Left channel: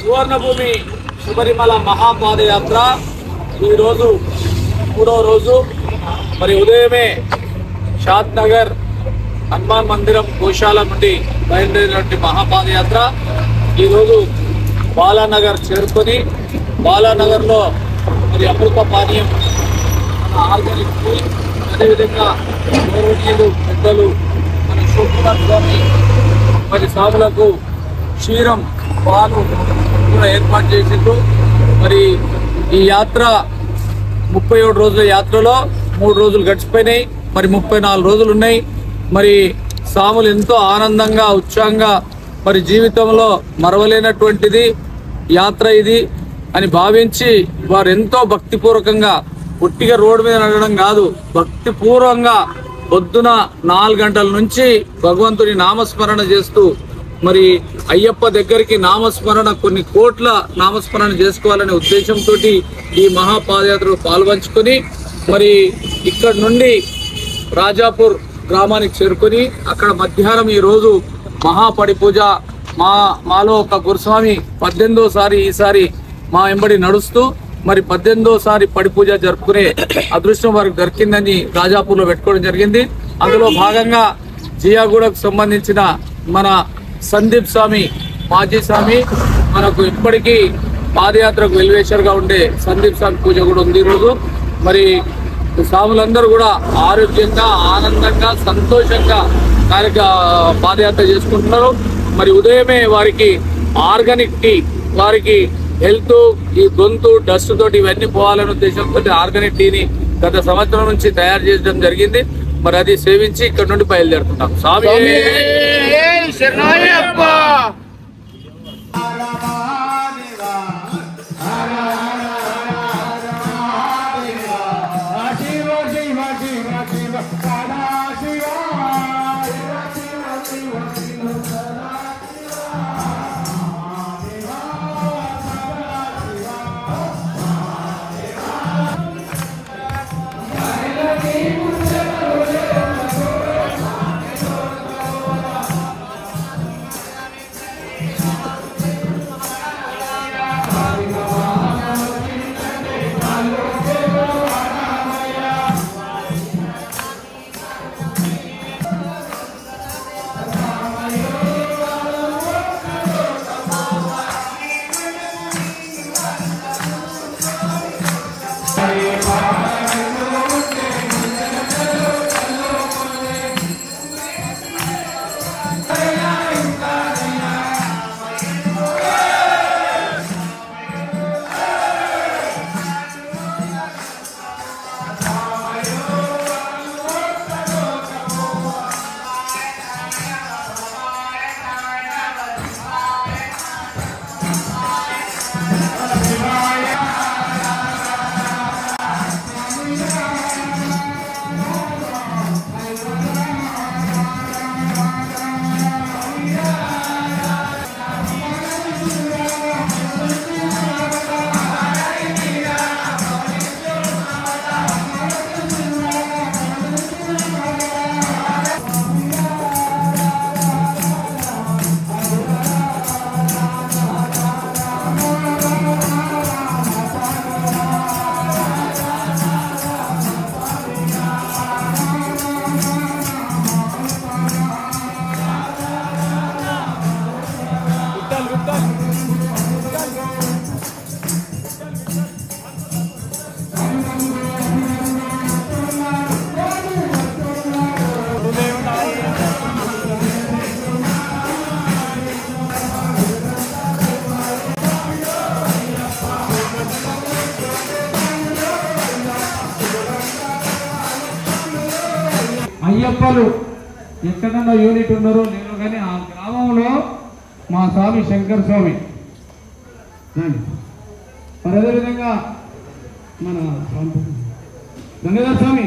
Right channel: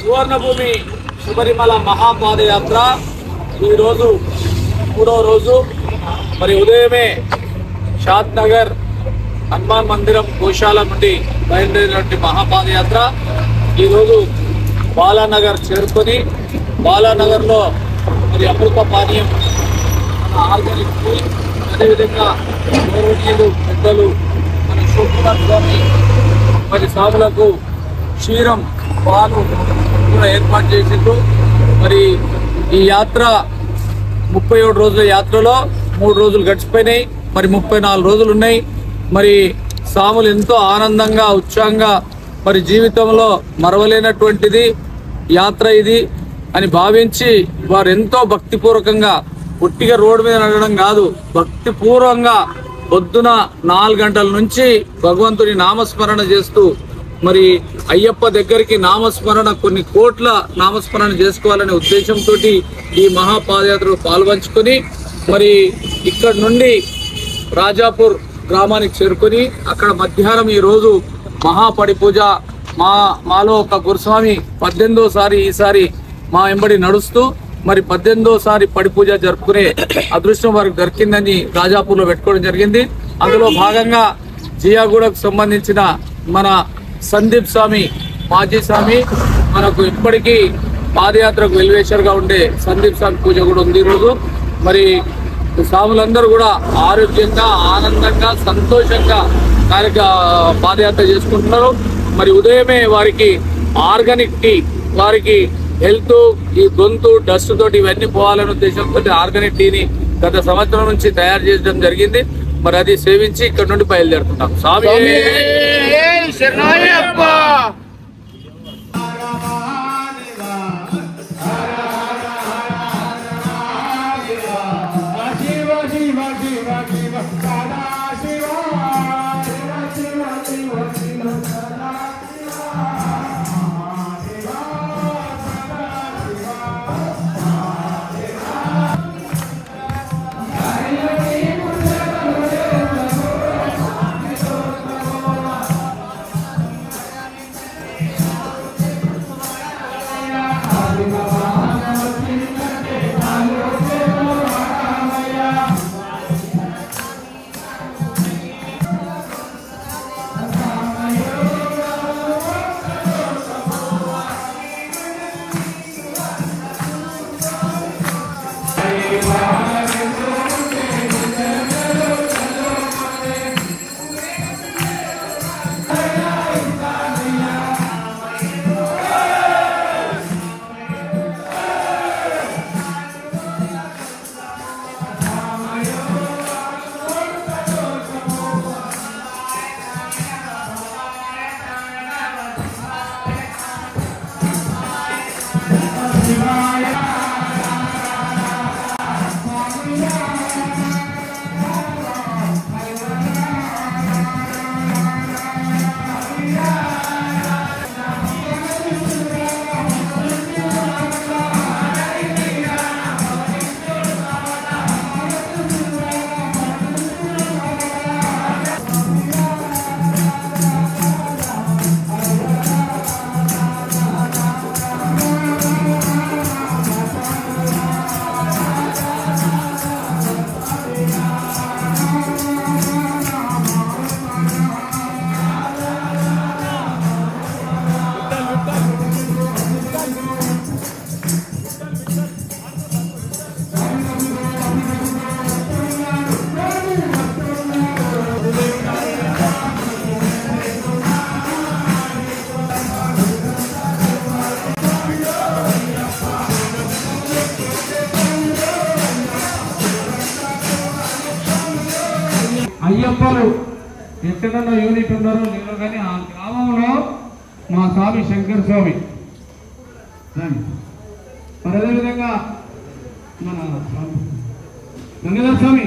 Suvarnabhumi Sabarimala మహాపాదయాత్ర ఈరోజు 3వ రోజు. మరి ఉదయమే షాద్ నగర్ హనుమాన్ మందిరం గోశాల నుండి బయలుదేరినటువంటి మహాపాదయాత్ర ఈరోజు బాలానగర్ చేరుకొని బాలానగర్లో మరి అమృత పానీయం మన ఆర్గానిక్ ఫుడ్, అదేవిధంగా గౌరవనీయులు పెద్దలు మన శివకుమార్ స్వామి మరి సాగులకు క్షీరం పాలు కూడా ఏర్పాటు చేసిండ్రు. మరి ఈ యాత్ర 37 రోజుల యాత్రలో 3 రోజులు గడిచిపోయినాయి. మరి 34 రోజులు ఉన్నాయి. మరి సాములు ఎంతో ఆనందంగా ఉత్సాహంగా మరి జీవితంలో మరవలేనటువంటిది యాత్ర ఇది అని భావించి వారు ఎంతో భక్తిపూర్వకంగా పుట్టిగా రోడ్డు మీద నడవడం కాదు, భక్తిపూర్వకంగా పొద్దున 4 గంటల నుంచి భగవంతుని నామస్మరణ చేస్తూ మరి అయ్యప్ప దగ్గరికి నామస్మరణ కొన్ని కోట్ల నామస్మరణ చేసుకోవాలనే ఉద్దేశంతో ఈ మహాపాదయాత్రలో పాల్పంచుకొని మరి ఇక్కడ నుండి రాజాపూర్ గ్రామానికి చేరుకొని అక్కడ మధ్యాహ్నం ఈరోజు మహాపడి పూజ మాలో ఒక గురుస్వామి 18వసారి ఈసారి మా వెంబడి నడుస్తూ మరి 18వసారి పడి పూజ జరుపుకునే అదృష్టం వారికి దొరికిందని రాజాపూర్లో పెట్టుకోవడం జరిగింది. అందులో భాగంగా జియాగూడకు సంబంధించిన మన సందీప్ స్వామి మాజీ స్వామి మనకు ఇప్పటికీ పాదయాత్రకు వెల్వేషర్గా ఉండే సందీప్ స్వామి పూజ కూడా ఉంది ఈరోజు. మరి స్వాములందరూ కూడా ఆరోగ్యంగా ఆనందంగా సంతోషంగా పాదయాత్ర చేసుకుంటున్నారు. మరి ఉదయమే వారికి ఆర్గానిక్ టీ, వారికి హెల్త్ ఈ గొంతు డస్ట్ తోటి ఇవన్నీ పోవాలనే ఉద్దేశంతో ఆర్గానిక్ టీని గత సంవత్సరం నుంచి తయారు చేయడం జరిగింది. మరి అది సేవించి ఇక్కడ నుండి బయలుదేరుతున్నాం. స్వామి అయ్యప్పలు ఎక్కడన్నా యూనిట్ ఉన్నారో లేదో కానీ ఆ గ్రామంలో మా స్వామి శంకర్ స్వామి, అదేవిధంగా మన గంగాధర స్వామి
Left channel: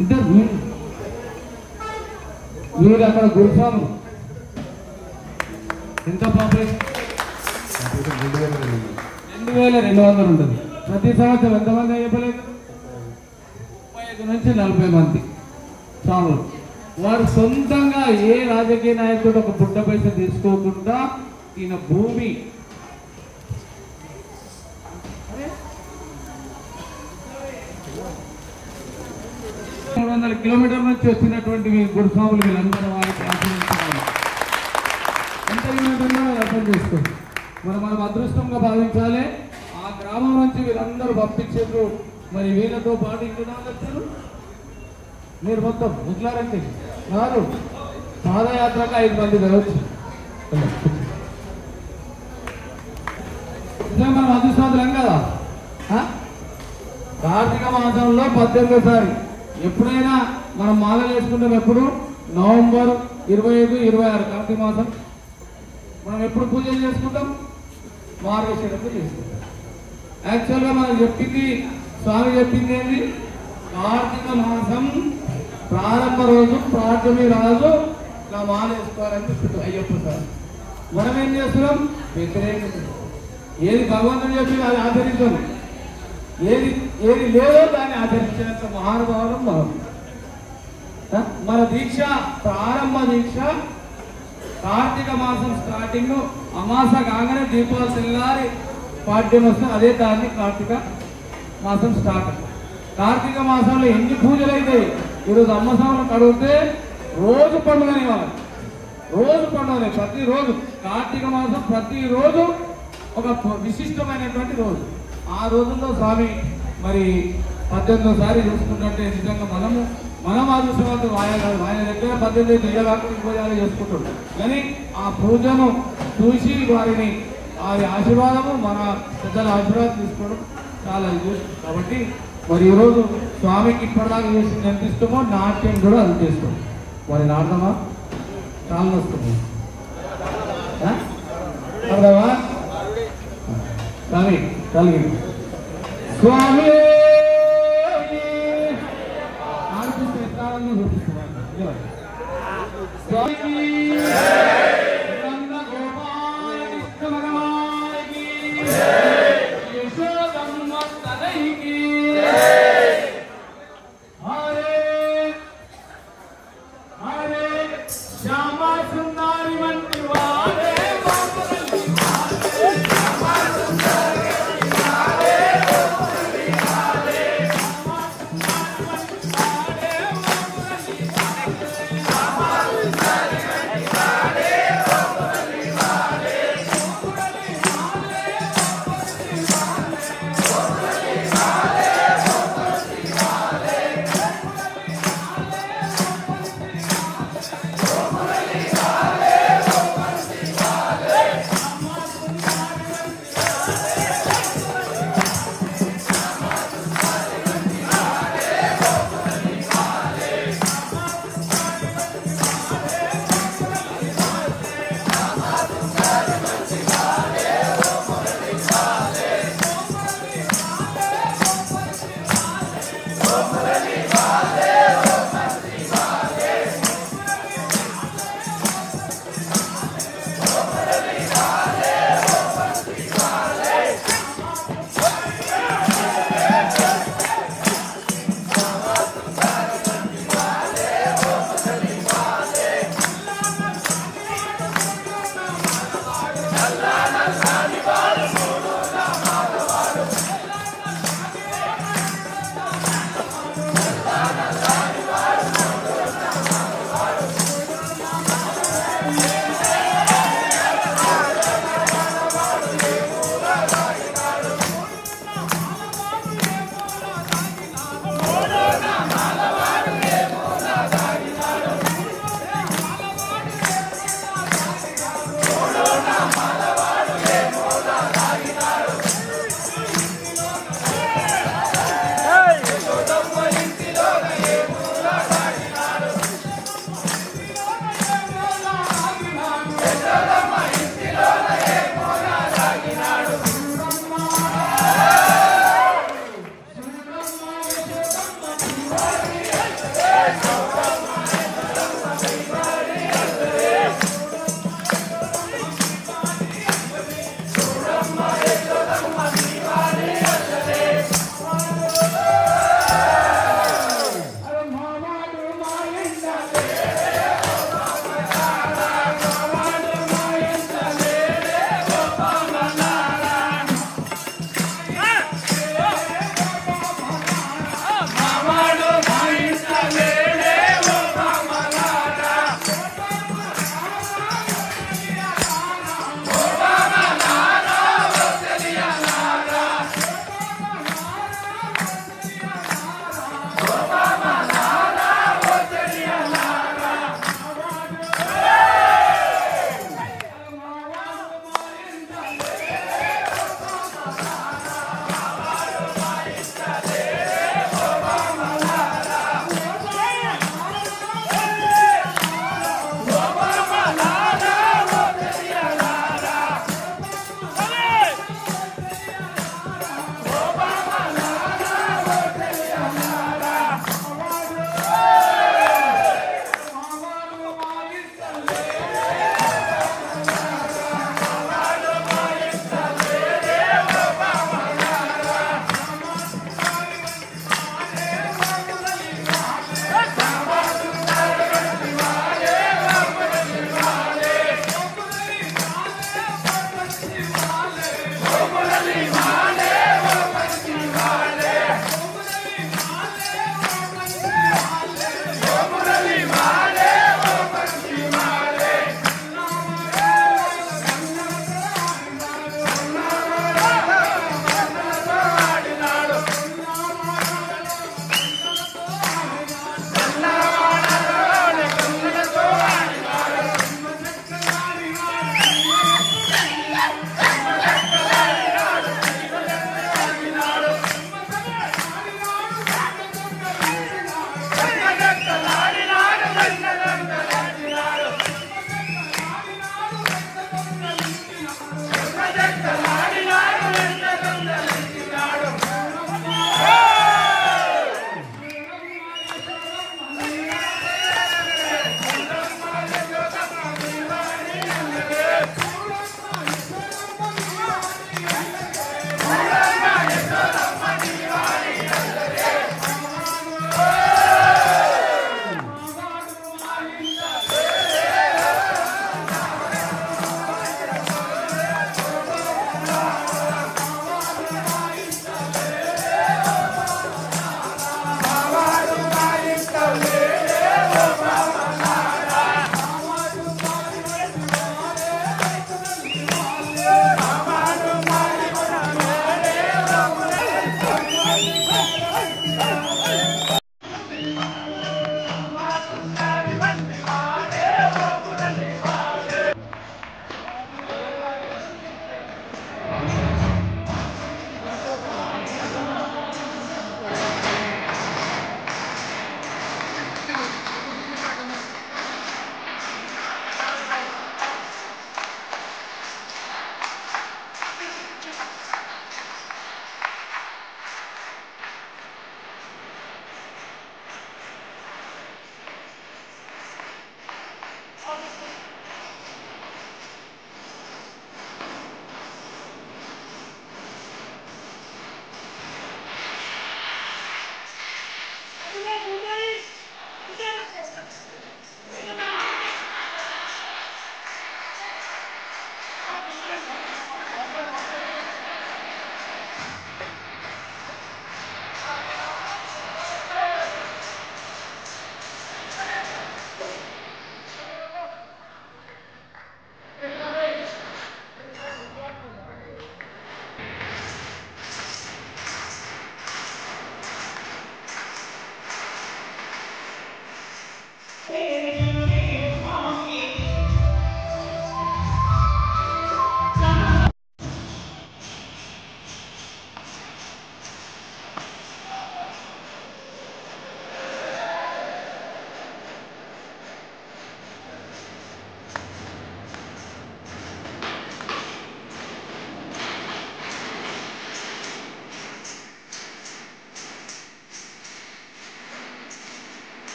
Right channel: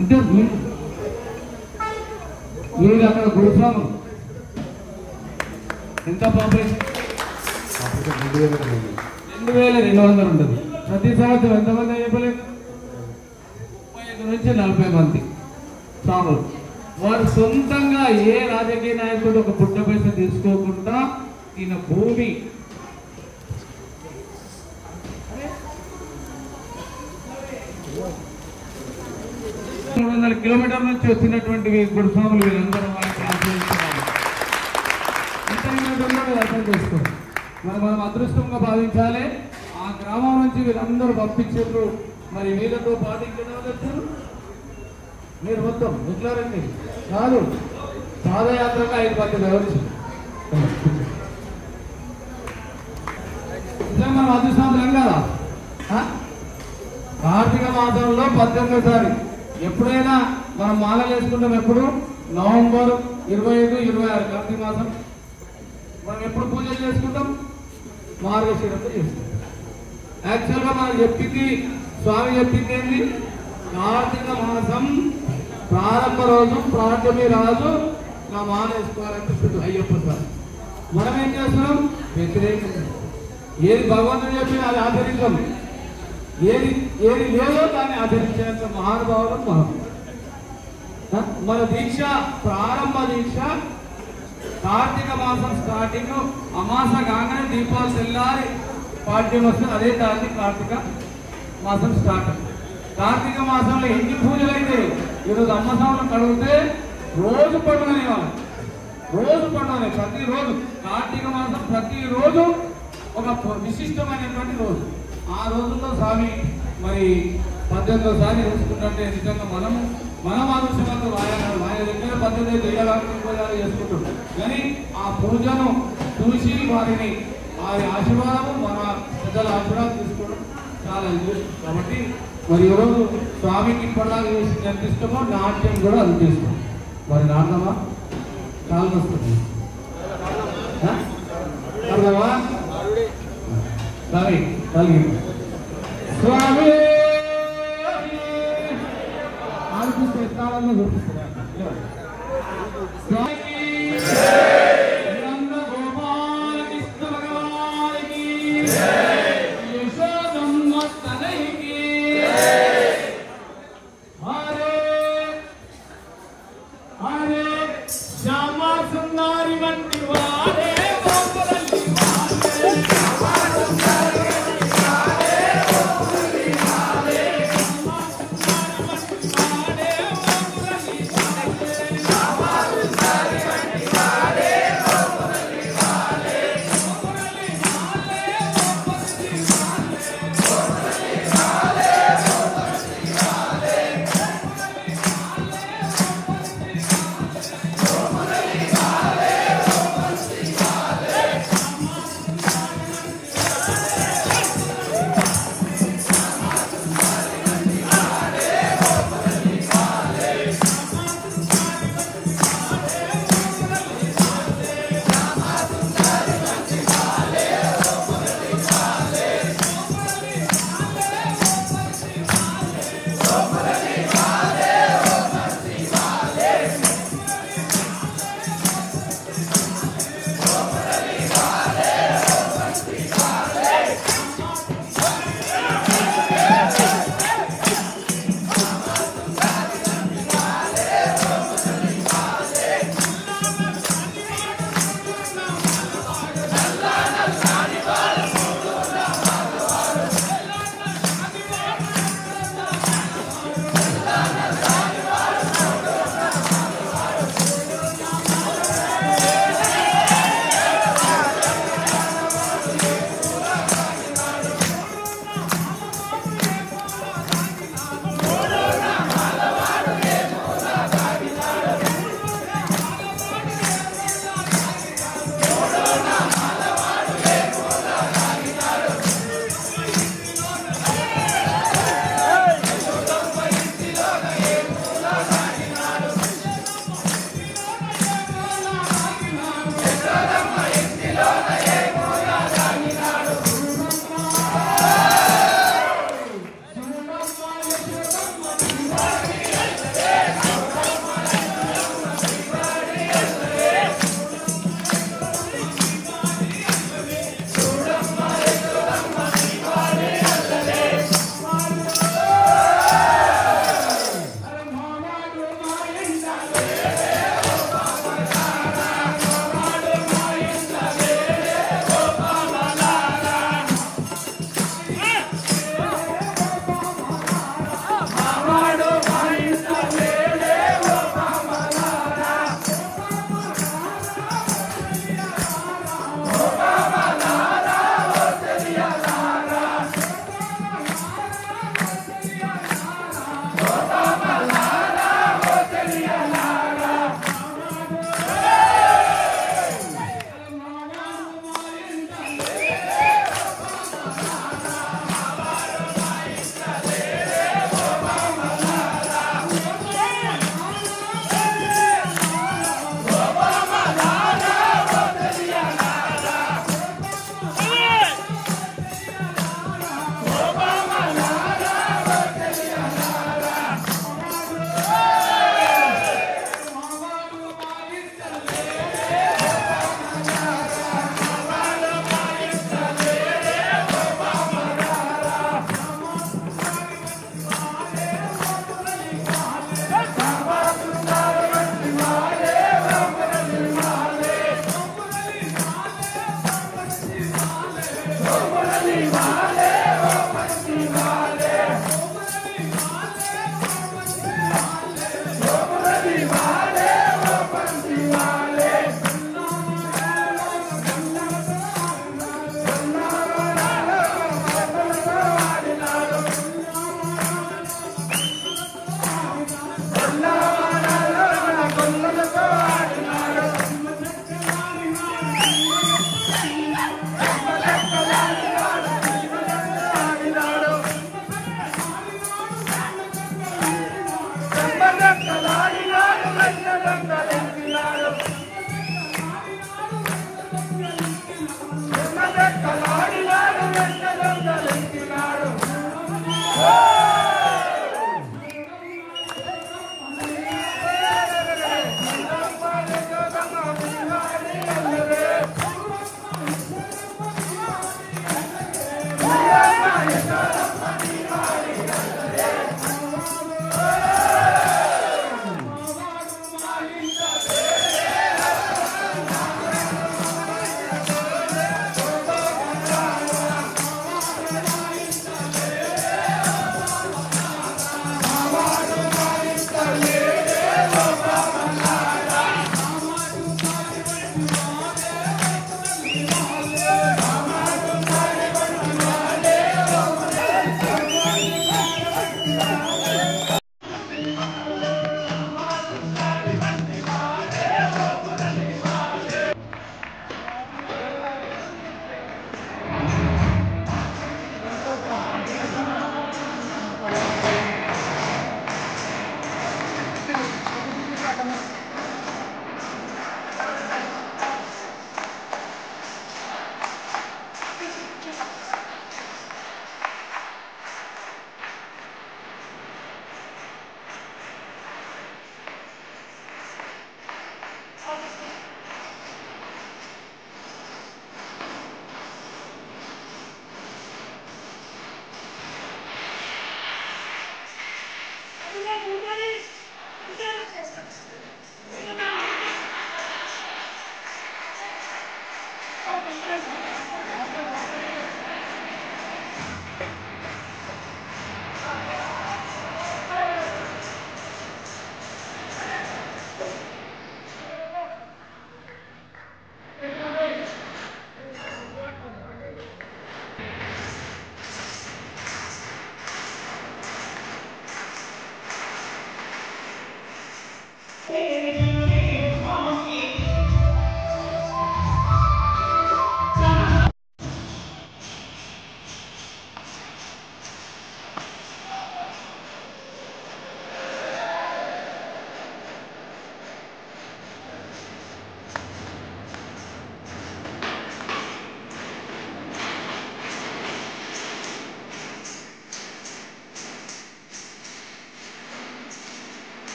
అంటే వీళ్ళు అక్కడ గురుస్వామి ఎంత పాప 2200 ఉంటుంది. ప్రతి సంవత్సరం ఎంతమంది చెప్పలేదు? 35 నుంచి 40 మంది చాలు. వారు సొంతంగా ఏ రాజకీయ నాయకుడు ఒక బుడ్డ పైస తీసుకోకుండా ఈయన భూమి 300 కిలోమీటర్ల నుంచి వచ్చినటువంటి గురుస్వాములు వీళ్ళందరూ వారికి అర్థం చేసుకోండి. మనం అదృష్టంగా భావించాలి. ఆ గ్రామం నుంచి వీళ్ళందరూ పంపించారు. మరి వీళ్ళతో పాటు మీరు మొత్తం ముట్లారండి కాదు పాదయాత్రగా 5 మంది రావచ్చు. మనం అదృష్టం కదా. కార్తీక మాసంలో 18వ ఎప్పుడైనా మనం మాల చేసుకుంటాం. ఎప్పుడు? నవంబర్ 25, 26 కార్తీక మాసం. మనం ఎప్పుడు పూజలు చేసుకుంటాం? మారేశ్వరంతో చేసుకుంటాం. యాక్చువల్గా మనం చెప్పింది, స్వామి చెప్పింది ఏంటి? కార్తీక మాసం ప్రారంభ రోజు ప్రార్థమి రాజు నా మాల వేసుకోవాలని చెప్తుంది అయ్యప్ప సార్. మనం ఏం చేస్తున్నాం? వ్యతిరేకం. ఏది భగవంతుడు చెప్పి అది ఆచరించాం, ఏది లేదో దాన్ని ఆచరించాల్సిన మహానుభావులు మనం. మన దీక్ష ప్రారంభ దీక్ష కార్తీక మాసం స్టార్టింగ్ అమాస కాగానే దీపావళి తెల్లారి పాఠ్యం వస్తుంది. అదే దాన్ని కార్తీక మాసం స్టార్ట్. కార్తీక మాసంలో ఎన్ని పూజలు అయితే ఈరోజు అమ్మస్వామిని అడిగితే రోజు పండుగనే వాళ్ళు, రోజు పండుగనే. ప్రతిరోజు కార్తీక మాసం ప్రతిరోజు ఒక విశిష్టమైనటువంటి రోజు. ఆ రోజుల్లో స్వామి మరి 18వ ఎంచుకుంటే నిజంగా మనం అదృష్టవంతులు. ఆయన దగ్గర 18 20 చేసుకుంటాం. కానీ ఆ పూజను చూసి వారిని వారి ఆశీర్వాదము, మన పెద్దల ఆశీర్వాదం తీసుకోవడం చాలా ఇది. కాబట్టి మరి ఈరోజు స్వామికి ఇప్పటిదాకా చేసింది ఎంత ఇష్టమో నాట్యం కూడా అది చేస్తాం. మరి నాటమా చాలా వస్తుంది అర్థమా? స్వామి స్వామి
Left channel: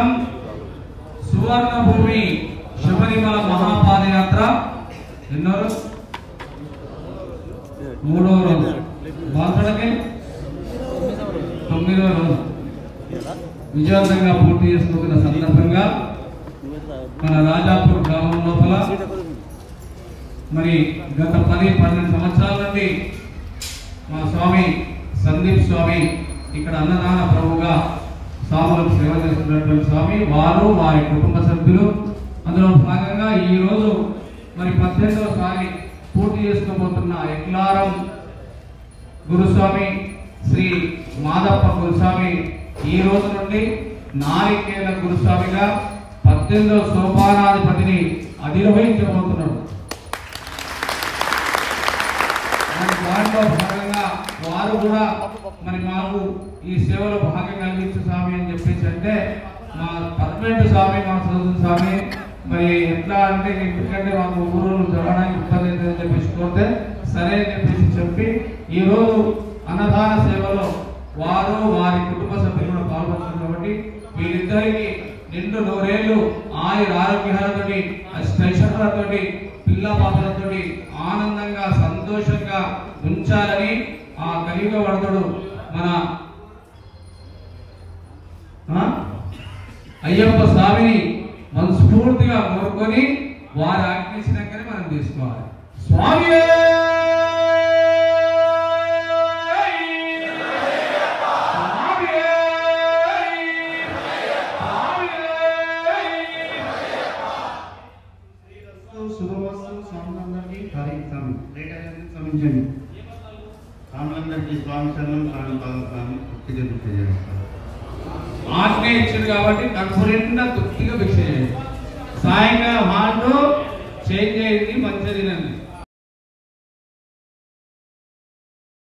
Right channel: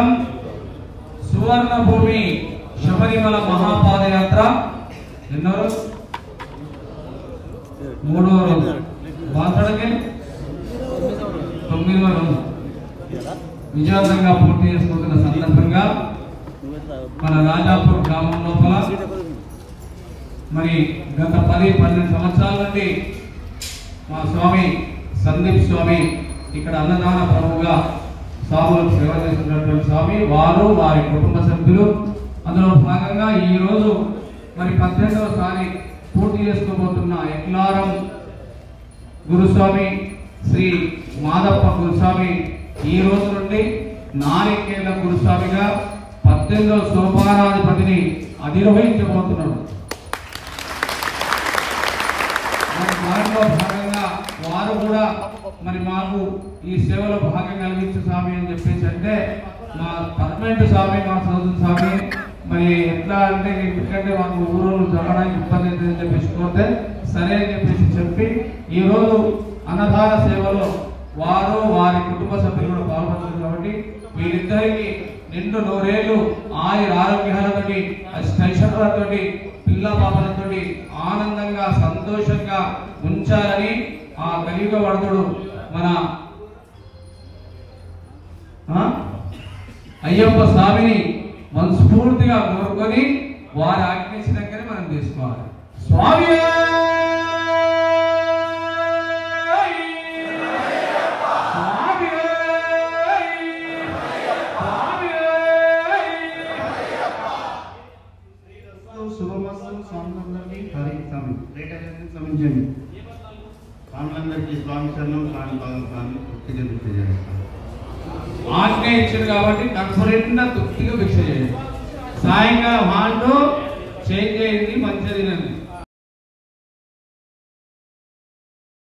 సంవత్సరం సువర్ణ భూమి శబరిమల మహాపాదయాత్ర ఎన్నో రోజు? 3వ రోజు. బాధపడకే 9వ రోజు విజయవంతంగా పూర్తి చేసుకుంటున్న సందర్భంగా మన రాజాపూర్ గ్రామం లోపల మరి గత 10-12 సంవత్సరాల నుండి మా స్వామి సందీప్ స్వామి ఇక్కడ అన్నదాన ప్రభువుగా స్వాములకు సేవ చేస్తున్నటువంటి స్వామి వారు వారి కుటుంబ సభ్యులు అందులో భాగంగా ఈ రోజు మరి 18వసారి పూర్తి చేసుకోబోతున్న ఎక్లారం గురుస్వామి శ్రీ మాదప్ప గురుస్వామి ఈ రోజు నుండి నారికేల గురుస్వామిగా 18వ సోపానాధిపతిని అధిరోహించబోతున్నాడు. దాంట్లో భాగంగా వారు కూడా మరి మాకు ఈ సేవలో భాగం కలిగించు స్వామి అని చెప్పేసి అంటే మా పర్మనెంట్ స్వామి మా సోదరు స్వామి మరి ఎట్లా అంటే ఎందుకంటే మాకు ఊరు జరగడానికి ఇబ్బంది అవుతుందని చెప్పేసి కోరితే సరే అని చెప్పేసి చెప్పి ఈరోజు అన్నదాన సేవలో వారు వారి కుటుంబ సభ్యులు కూడా పాల్గొన్నారు కాబట్టి వీరిద్దరికి నిండు 100 ఏళ్ళు ఆరోగ్యాలతోటి అష్టైశ్వర్యాలతోటి పిల్ల పాపలతో ఆనందంగా సంతోషంగా ఉంచాలని ఆ కలియుగ వరదుడు మన అయ్యప్ప స్వామిని మనస్ఫూర్తిగా కోరుకొని వారి ఆజ్ఞించినాకనే మనం తీసుకోవాలి. స్వామి ఆజ్ఞ ఇచ్చింది కాబట్టి కన్ఫరెంట్ తృప్తిగా భిక్ష చేయండి. సాయంకాలం హాండు చేంజ్ చేయండి మంచిది